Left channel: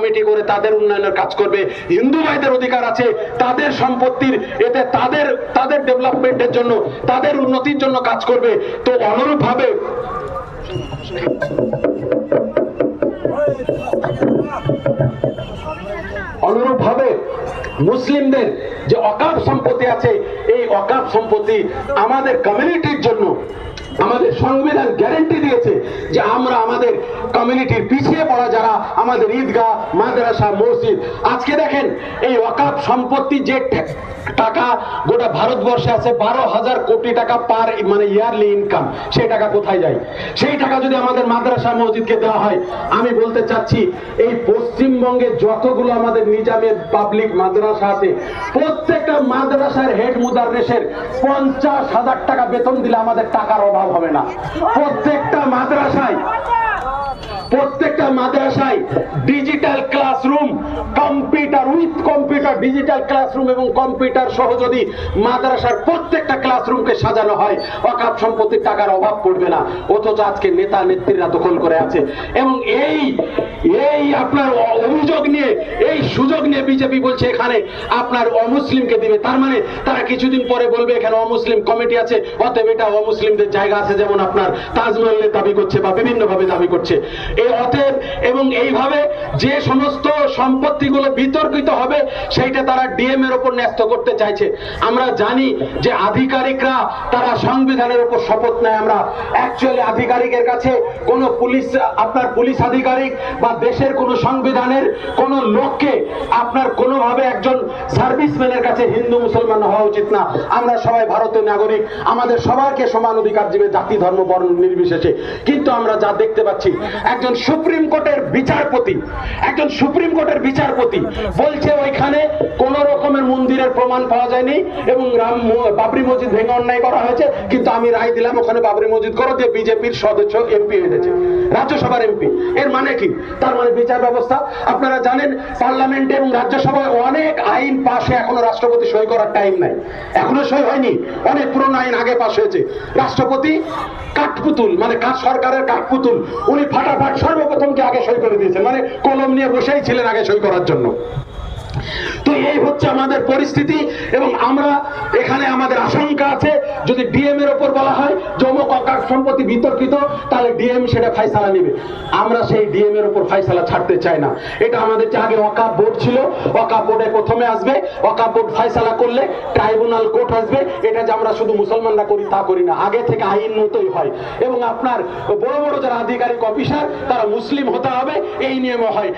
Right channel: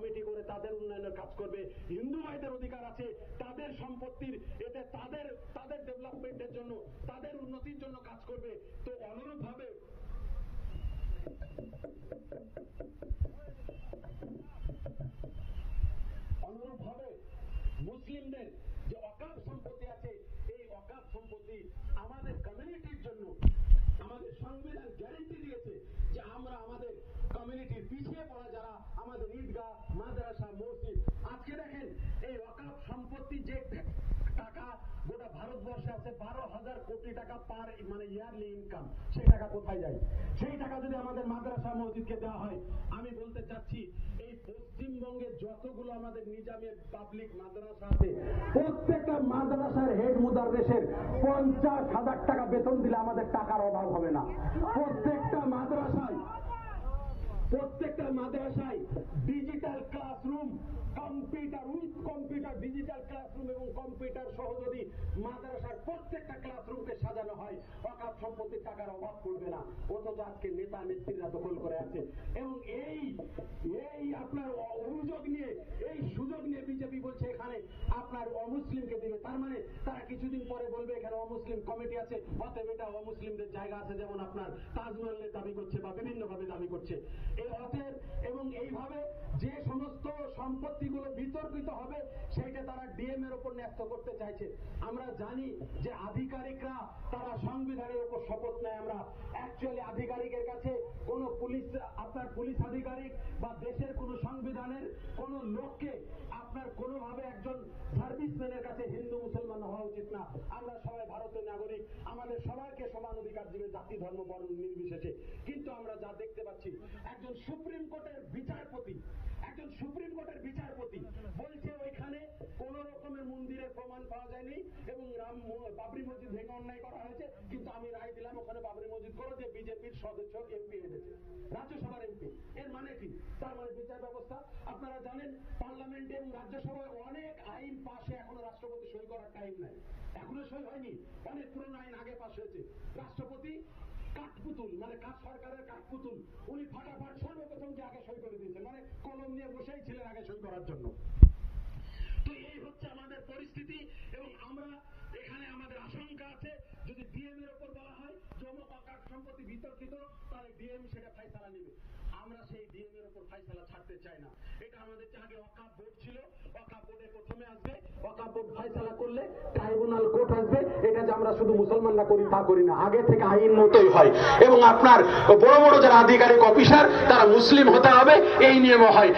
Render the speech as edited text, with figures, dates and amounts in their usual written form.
Committee করে তাদের উন্নয়নের কাজ করবে। হিন্দু ভাইদের অধিকার আছে তাদের সম্পত্তির, এতে তাদের ডেভেলপমেন্টের জন্য, তাদের উন্নতির জন্য কাজ করবে। তো অনুরূপভাবে মুসলিমদের যে ওয়াকফ সম্পত্তি আছে, এই ওয়াকফ সম্পত্তি আমাদের কমিউনিটির জন্য আমাদের সংবিধান গ্যারান্টি দিয়েছে যে আমরা আমাদের কমিউনিটির পিছিয়ে পড়া যারা, আমাদের ঈদগাহ, মাদ্রাসা, মসজিদ, আজকে দেখেন এই ওয়াকফ সম্পত্তি যে টাকা গোটা ভারতবর্ষে আছে 12,000 কোটি টাকা পার মানে ইয়ারলি ইনকাম, সেই টাকা কোথায় যায়? সেই টাকা যদি আমাদের মাদ্রাসা মসজিদকে দেওয়া হয়, আমি বলতে চাচ্ছি এই পশ্চিমবঙ্গে যতগুলো আমাদের নিজামের পাবলিক মাদ্রাসা আছে, প্রত্যেকটা মাদ্রাসার হেড মুদাররিসের 50,000 টাকা বেতন দিলে আমাদের টাকার অভাব হবে না। প্রত্যেকটা মাদ্রাসায় digital classroom, computer with computer, digital classroom এবং কম্পিউটার সহ যদি মাদ্রাসার প্রত্যেকটা ক্লাসরুমকে সাজানো হয়, ওয়াকফ সম্পত্তির টাকার অভাব পড়বে না। অথচ আজকে নেতা নেত্রীরা দখল করে আছে। এবং এই আপনার অভিযোগ নিয়ে, এই সুযোগ নিয়ে বিজেপি বলছে এখানে আপনার অমুসলিমকে দিবে। তার মানে তারা কিছুদিন পরে বলবে এখানে অমুসলিম কমিটি আছে, অতএব এটা অমুসলিমদের জায়গা আছে, যেমন আপনার তাজমহলের দাবি করছে বা বিভিন্ন ভাবে দাবি করছে। এই অতএব এবং এইভাবে যে সমস্ত সম্পত্তিগুলো বিতর্কিত হবে সেইটা তারা ডিএম এর উপর ন্যস্ত করতে চাইছে। আমরা জানি যে আধিকারিকরা তারা সংবিধানের উপর শপথ নেয়। আমরা অ্যাকচুয়ালি আধিকারিকের কাছে কোন পুলিশ আধিকারিক বা দেশের কোন সংবিধানের কোন লোককে আপনার কোনোভাবে একজন সার্ভিসম্যানের কাছে হিন্দু মুসলমান হওয়া উচিত না। আমরা সবাই ভারতের নাগরিক, আমাদের সবাইকে সমান অধিকার দিবে, জাতি ধর্ম বর্ণ নির্বিশেষে। কিন্তু আমরা যা দেখতে পাচ্ছি, একজন সুপ্রিম কোর্টের বিচারপতি বলছে ওইখানে কোন রকমের মন্দিরের প্রমাণ পাওয়া যায়নি এবং বাবরি মসজিদ ভেঙে অন্যায় করা হয়েছে, কিন্তু আমি রায় দিলাম ওখানে বাবরি মসজিদ করো, দিয়ে বিজেপির সদস্য এমপি হয়েছে, রাজ্যসভার এমপি। এর মানে কি? তার মানে বিচার ব্যবস্থা, আপনারা জানেন পার্লামেন্টে এবং রাজ্যসভায় অনেক আইন পাশ হয়ে এখনো রাষ্ট্রপতি সই করার টাইম নাই, এখনো সই হয়নি। অনেক পুরনো আইন আগে পাশ হয়েছে। রাষ্ট্রপতি কাঠপুতুল, মানে সরকারের কাঠপুতুল, উনি ফাটাফাট সর্বপ্রথম কে আগে সই করে দিয়েছেন, মানে কলম নিয়ে বসেই ছিলেন আগে সই করার জন্য। তো এই হচ্ছে আমাদের পরিস্থিতি। এবং আমরা এখানে আমাদের আশঙ্কা আছে, যদি ডিএম এর উপর বলা হয় জমক ওয়াকফ সম্পত্তি বিতর্কিত, তাহলে ডিএম সেটা ফয়সালা নেবে। আমরা সেই ডিএম এর উপর ফয়সালা ছাড়তে চাই না। এটা আমাদের যে আগে ওয়াকফ বোর্ড ছিল, ওয়াকফ বোর্ডে প্রথমে আসবে, ওয়াকফ বোর্ড ফয়সালা করলে ট্রাইব্যুনাল কোর্ট আসবে। এটা যে আমরা শুধু মুসলমানরা করি তা করি না, আগে থেকে আইন মতোই হয়। এবং আপনার বড় বড় যারা আধিকারিক অফিসার তারা মুসলিম হতে হবে, এই নিয়মও হয়।